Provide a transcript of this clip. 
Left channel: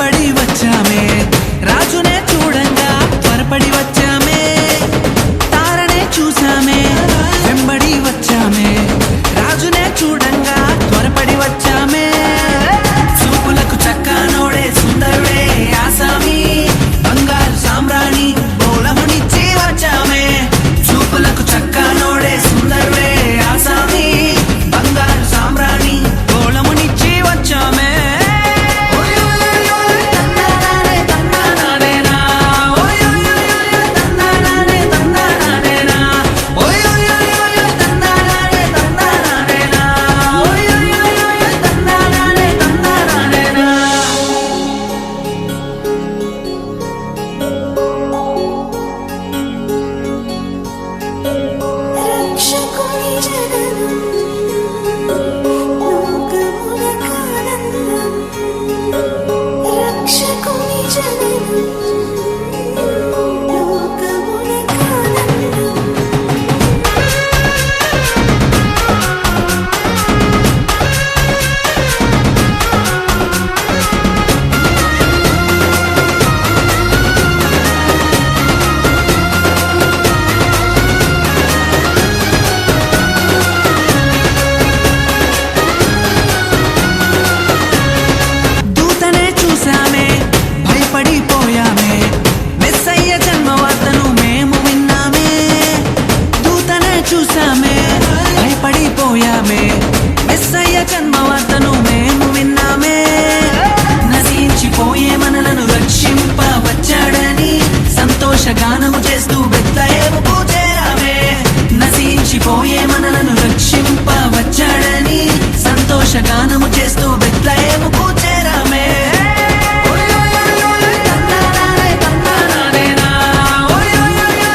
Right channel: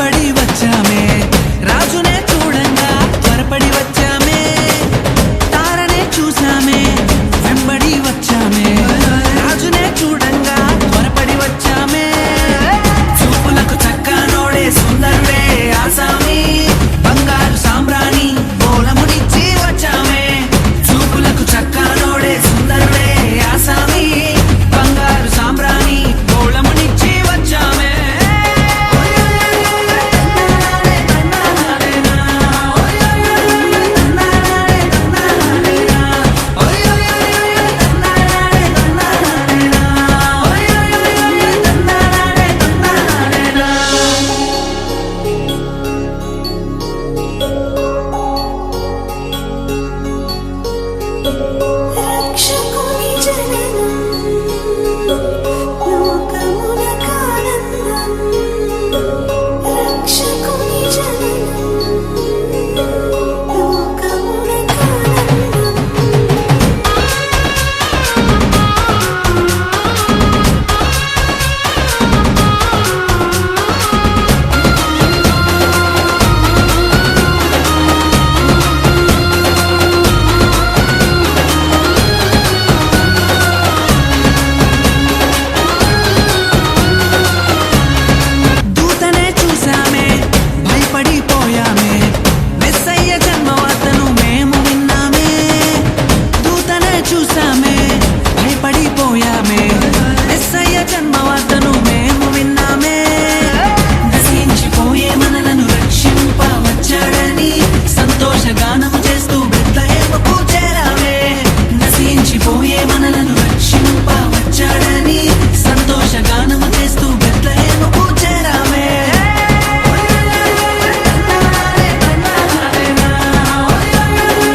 వెంబడి వచ్చామే రాజునే చూడంగా త్వరపడి వచ్చామే తారనే చూసామే వెంబడి వచ్చామే రాజునే చూడంగా త్వరపడి వచ్చామే చూపులకు చక్కనోడే సుందరుడే ఆసామి బంగారు సామ్రాణి బోలమునిచ్చి వచ్చామే చూపులకు చక్కనోడే సుందరుడే ఆసామి బంగారు సామ్రాణి బోలమునిచ్చి వచ్చామే భయపడిపోయామే మెస్సయ్య జన్మవార్తను మేము విన్నామే దూతనే చూసామే భయపడిపోయామే మెస్సయ్య జన్మవార్తను మేము విన్నామే